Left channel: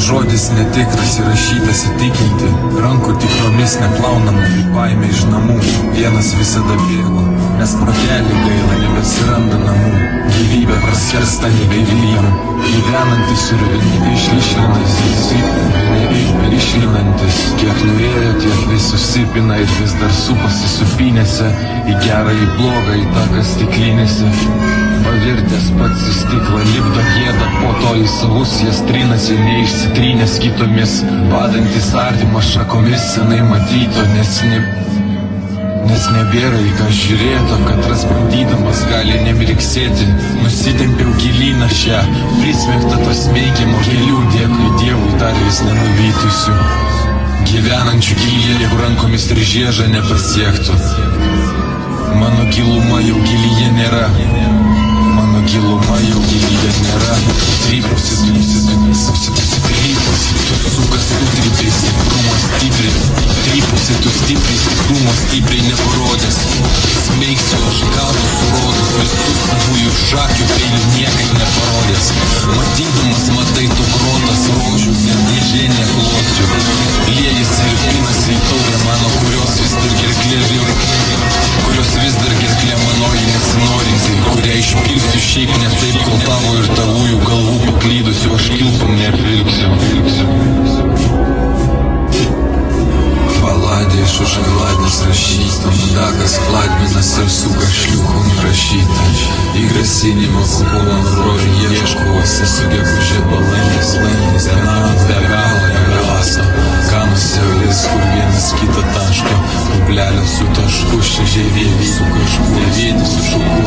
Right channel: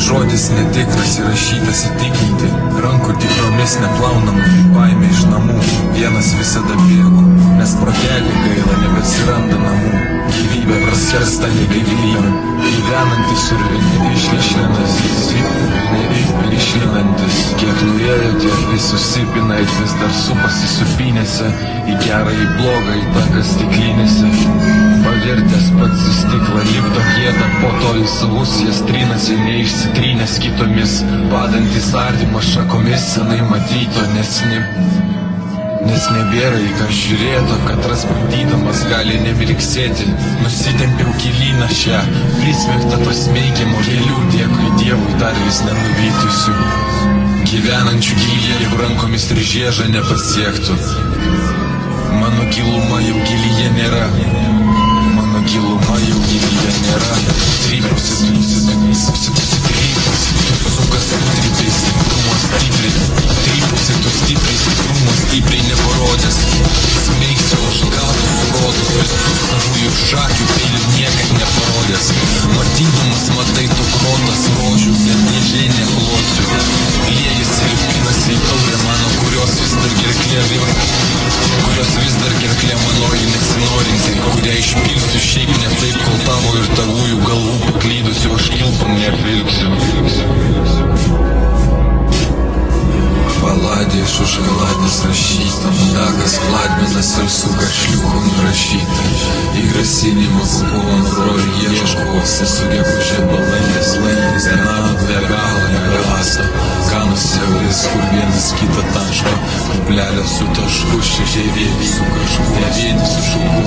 Žodis netikras įrašytas įtikinti, rankų tikromis neplaunama, baimė iš namų, vienas visada bėgo, nes protelį gaila nebesiranda namų, gyvybė praskersta negyvybėm, gyvenantis ir išlinantis, kiek nuėjo, tiek vis susipina ir vis dar supasi supinėse, į gerą, į blogą, į taką stiklinėse. Pavirtęs pats į stiklą lipdo gėdą, po to į savus jas trinasi, neišsitrynęs kitomis, badantis artimą šakomis senai matyto, nes nebėra į ką žiūrėto, kad rasbandydamas gali nemirksėti. Nusitempiau gilyną šią prismegtą to smeigiamo gėlių, dėkui Dievui dar vis nenuvytusių, gyvenančių gilyje, jeigu rankomis ir žiežą nepasiektų. Mano giluma jau gilyje nėra, mano giluma jau gilyje nėra. Trypusi, tu sukas sutripiai, stiprumo stipriai. Trypusi, tu stipriai, stiprumo stipriai neparodęs. Smeigsiu aš gatų surodus, visus savųjų šakių peilių niekad neparodęs. Matydamas matai tu grotas rožių, net dėžė neklosiu. Liejasi ir pinasi į taurę mano, kurios vis dar gerklė manoji nesinorinti, kurią išpilsiu šiaip ne taip, kol tavo ir tavųjų galvų paklydusiu aš kilpam neapvilksiu. Baladė iš užkaladės rašyta, mudakas kladminas ir suka šliuchų nurašyta. Į grasinimą kupulam rolių ieško, sesugegužė balandis, vienam be galo negalasa. Kanuose vis, kur vienas kitą taško, kublelio su tašku, šežiai vieni su kažkuo, ne vieni su šauku,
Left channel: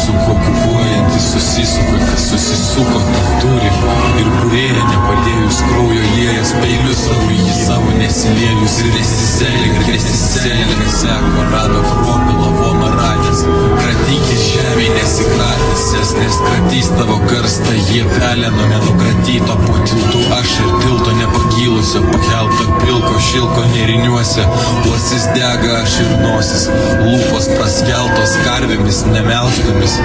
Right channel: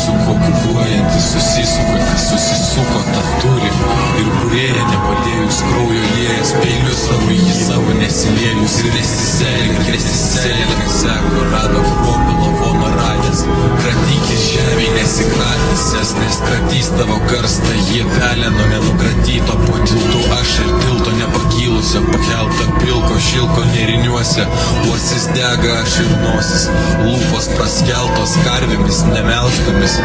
su kuo kupuojantis susisuka, kas susisuko, tą turi. Ir kurėja nepadėjus kraujo liejas, peiliu savo į savo nesiliejus ir nesisėlė, seko rado kruopį lavoną radęs, kratykis žemėj nesikratęs, nes kratys tavo karstą, jie peleno nenukratyto, po tiltu aš ir tilto nepakylusio, pakelto pilko šilko neriniuose, uosis dega aš ir nosis, lūpos praskeltos karvėmis nemelžtomis.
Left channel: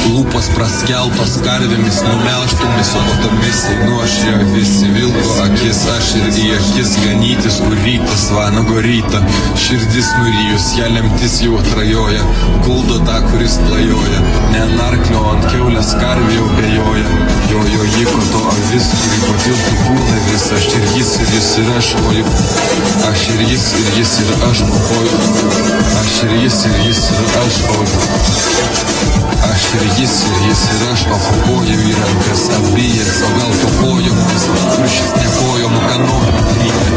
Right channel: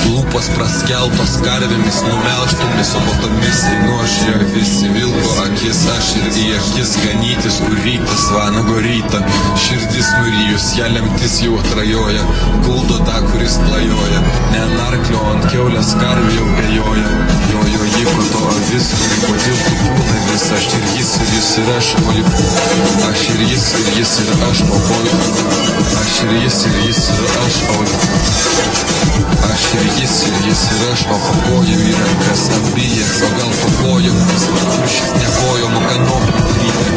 Lūpos praskeltos karvėmis numelžtomis, o po tomis einu aš jo visi vilko akis, aš ir į akis ganytis, kur rytas vanago rytą. Širdis nurijus, ją lemtis jau atrajoja, guldo tą, kuris plajoja, ne ant arklio, ant kiaulės karvė jau bejoja. Jo jiko to avis, kuri po tiltų kūna vis, aš ir jis ir aš, o juk aš ir jis ir aš, o oj, aš ir jis ir aš, o aš ir jis ir aš, o po kojų į rankas abijas, o gal po kojomis, kur šis nekojomų kanopų krypė,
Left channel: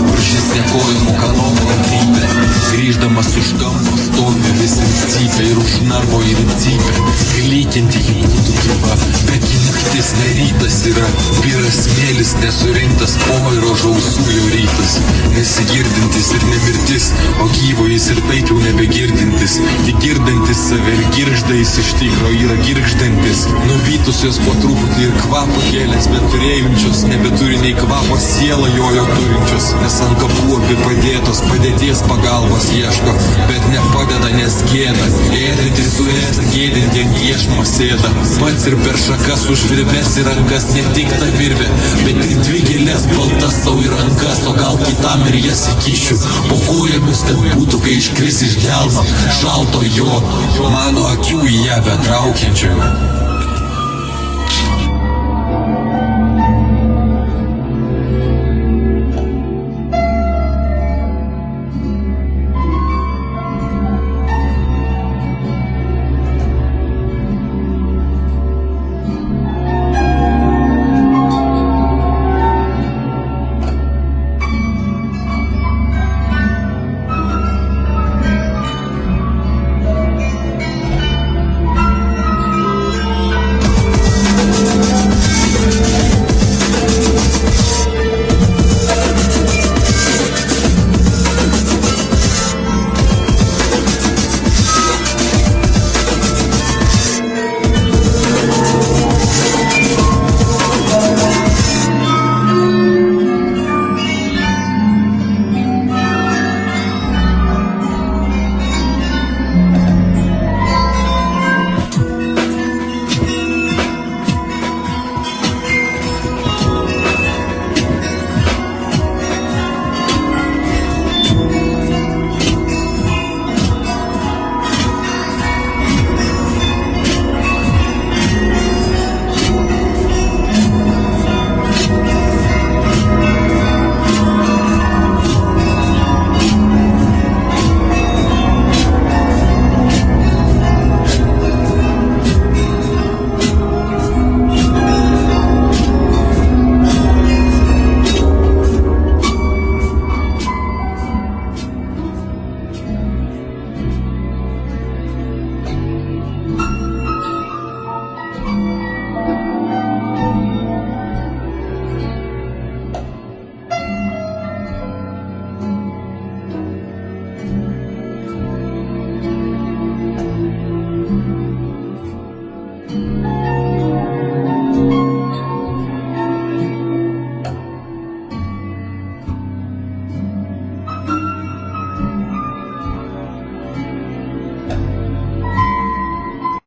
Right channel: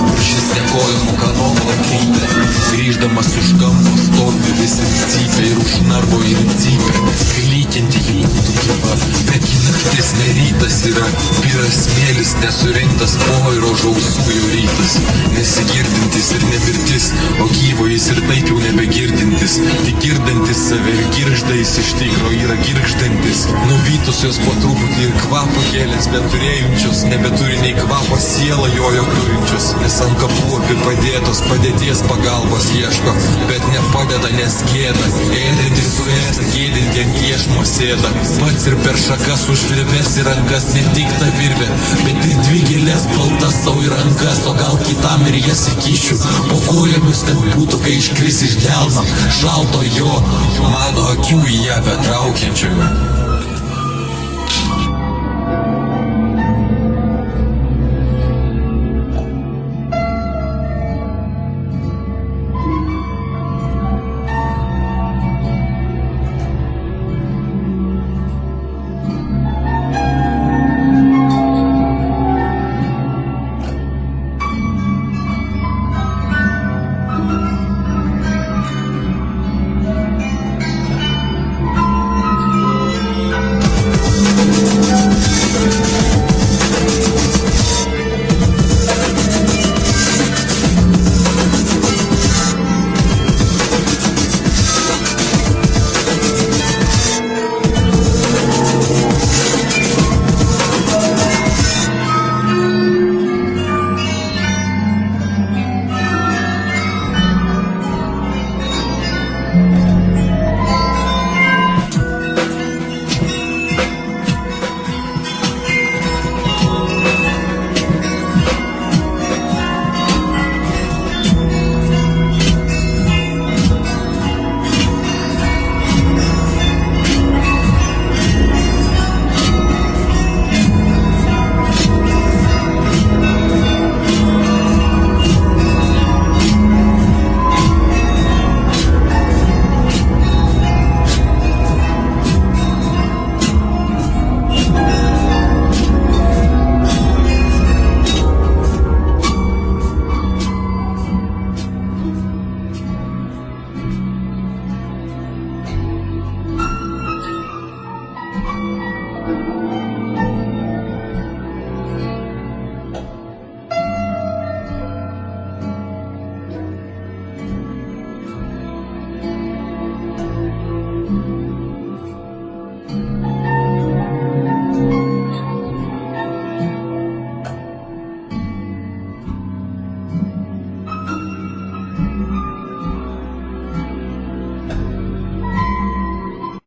kur šis nekojomų kanopų krypė. Grįždamas už kampo stovi vis ir cypia, ir už narvo ir cypia, klykianti jį būtų gyva, betgi naktis ne rytas yra, vyras smėlis nesurinktas, poiro žausų jau rytas, nesigirdintis ir nemirtis, o gyvo jis ir taip jau nebegirdintis, tik girdantis save ir girgždais iš tikro yra girgždantis, nuvytusios po truputį ir kvapą kėlės, bet turėjančios nebeturi nei kvapo sielą jojo turinčios, nes ant kapų abi padėtos, padėties pagalbos ieško, bet nepadeda, nes gėda, ėdinti suėsta, gėdinti ant iešmo sėda, pats ir per šakas užvirbės į rankas, ne tik ta virbė, bet ir dvi gėlės baltas savo į rankas, o gal kitam ir jas įkišiu, po kojomis, kad būtų, kai iškris iš delno, šalto jo, mano akių į ją betraukiančiojo.